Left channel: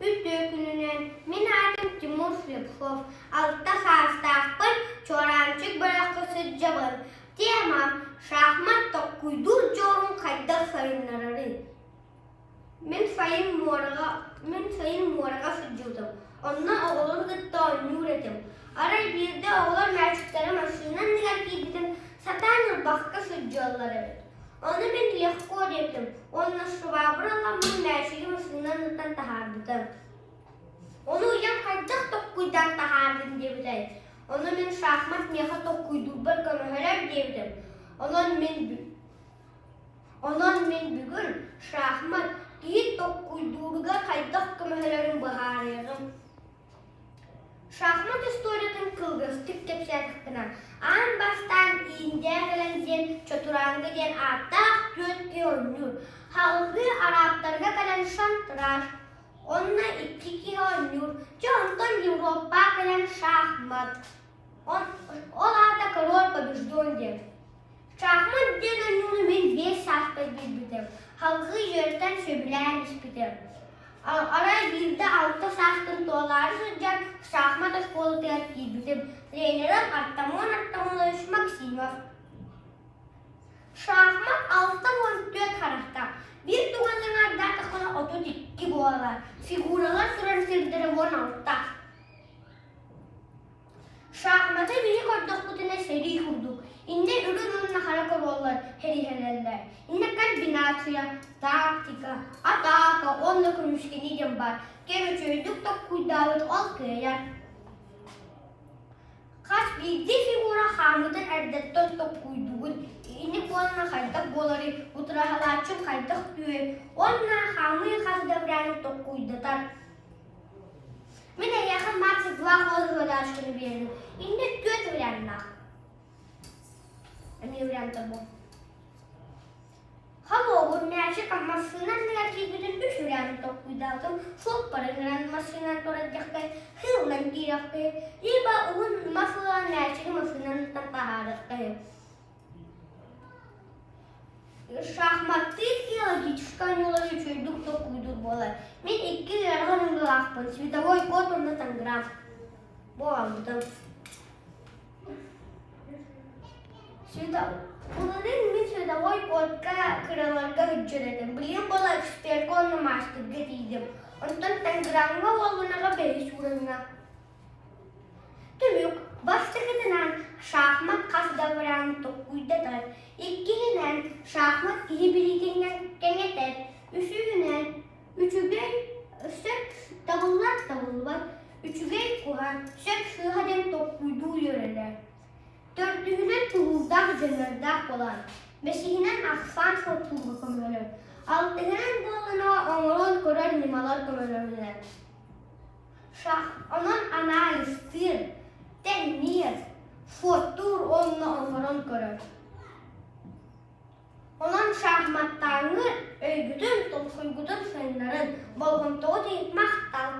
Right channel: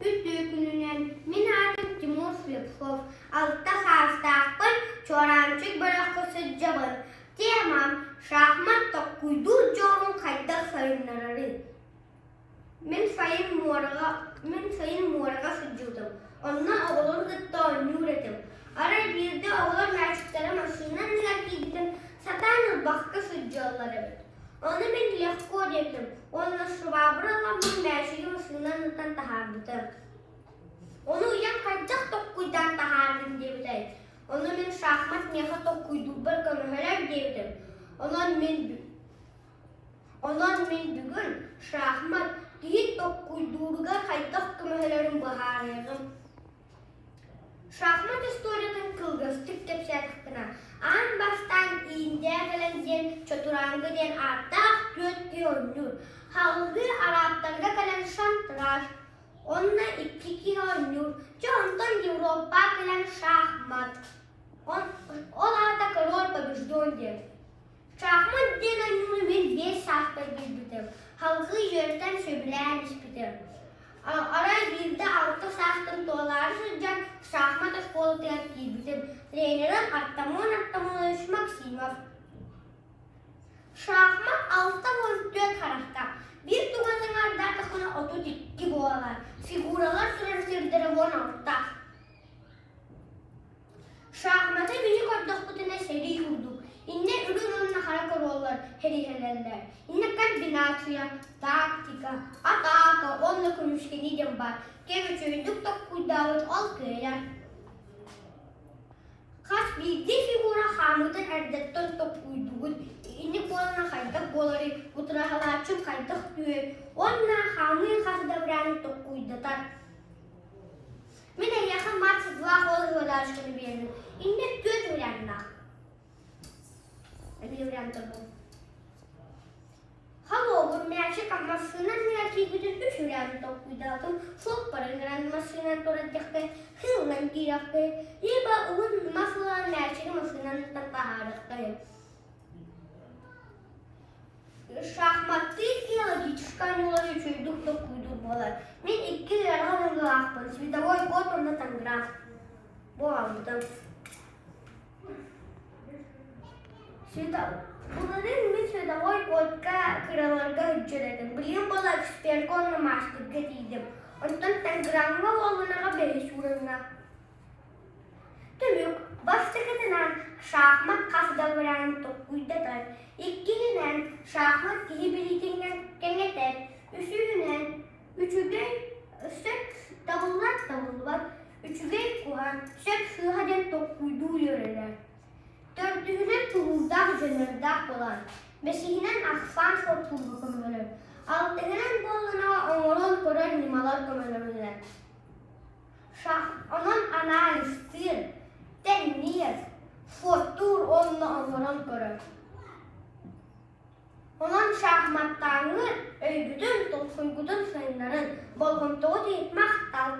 Üstü min adım Timur Слепцов. Altta sağıstağın Чуораанчык bırakı sıcağın. Temam şahmat толкуйдуур дьо5урун kayda sayınnarıыта. Min sayın muaraga sıcağım. Ondan oğulur gıtta oynuyor edim. Aray bir de oğulur merçiklere maşından neler giydim. Satanır bakka sıcağlar evet. Onu ben lehko dedim. Onunla şıvabıralamın merçili maşından nıtan tahardıdım. Onu uyan kaydak толкуйдан tahardım dedim. Onu ben şahmat meha толкуйдуур bir kanıheler dedim. Onun men bugün şahmat kиьи толкуйдуурга kaydak kanıhelerin baharıyım. Şahmat istoriyatın kılgıstık kepsiyatlıkına. An baştan iyinceye gelen dьо5урун den artık götü oynuyor. Halgı Araplarga gelen şantraş. Onunla iki oynuyor. Ondan Avrupa gelen şahmat. Onlar da karol побежден. Şahmat den oynuyor ben 5 saatte bildim. Halgı yerden söbülen ispidir. Aray bir de 6 saatten doları sıcak şahmat şkolu tertibim. Trenerim Artamon Maksimov. Şahmat 6-14 karakter. Bir tuğanın arda takına 32 boğalar. Figuralar sürer sirdere 16. Şahmata biri koyduk kutuna seri kurduk. İnne ürün onunla haraka rollar, herihelerler. İnne kalp binatüya, taktika, ataka, onunla konuşkeni dembar. Keve çöydük толкуйдаур ol köyler. Kaç bildi figura hamıdan erdetton толкуйдуур. İnne koluna kaydak boları, utrahalatçım kaydak düğü. Onunla hamıyı kasdavranı толкуйдаtar. Mine yakın maçı dua kolu ödaşkını beğendim. İnne göt öğrenmek. Ini berantem bu. Halo, bu merçek masından neler bütün üç öğrendim толкуйдаур. Çok paranın masından toracakta, hırlan girakta. Yeba onun masından merçek masından tapaharakta. Şahmat değil ki çıkan yola geçiyorduk толкуйдуур bolar. Men 2 yarağın lafın. Svidavoy kod onu tangram. Bu aldım. Bunların min svidavoy kodka kıralarga hücceledim. Bilim bola ekspert konu maçtık getiydim. Ondan tangramga olanaga 5 uruna. Tümük başlıkından şahmat kasdavran толкуйдаtar. İkkinin şahmat kиьи birikingen kengeter. Üçügen sök davullar. Üçügen kuhan sök şıhaden толкуйдуур yöreler. Dördüğüne tuğuldak jönördak bolar. Beşiğinen aksan sortulgu kömölür. Altıginen boluna oğulun korar nimalar kömölürler. Onun analistir, teknik, fotur onunla oğulun korar. Onun şahmattanı öygüdün, толкуйдуур sayınların bolğuntuğu deyip maktal.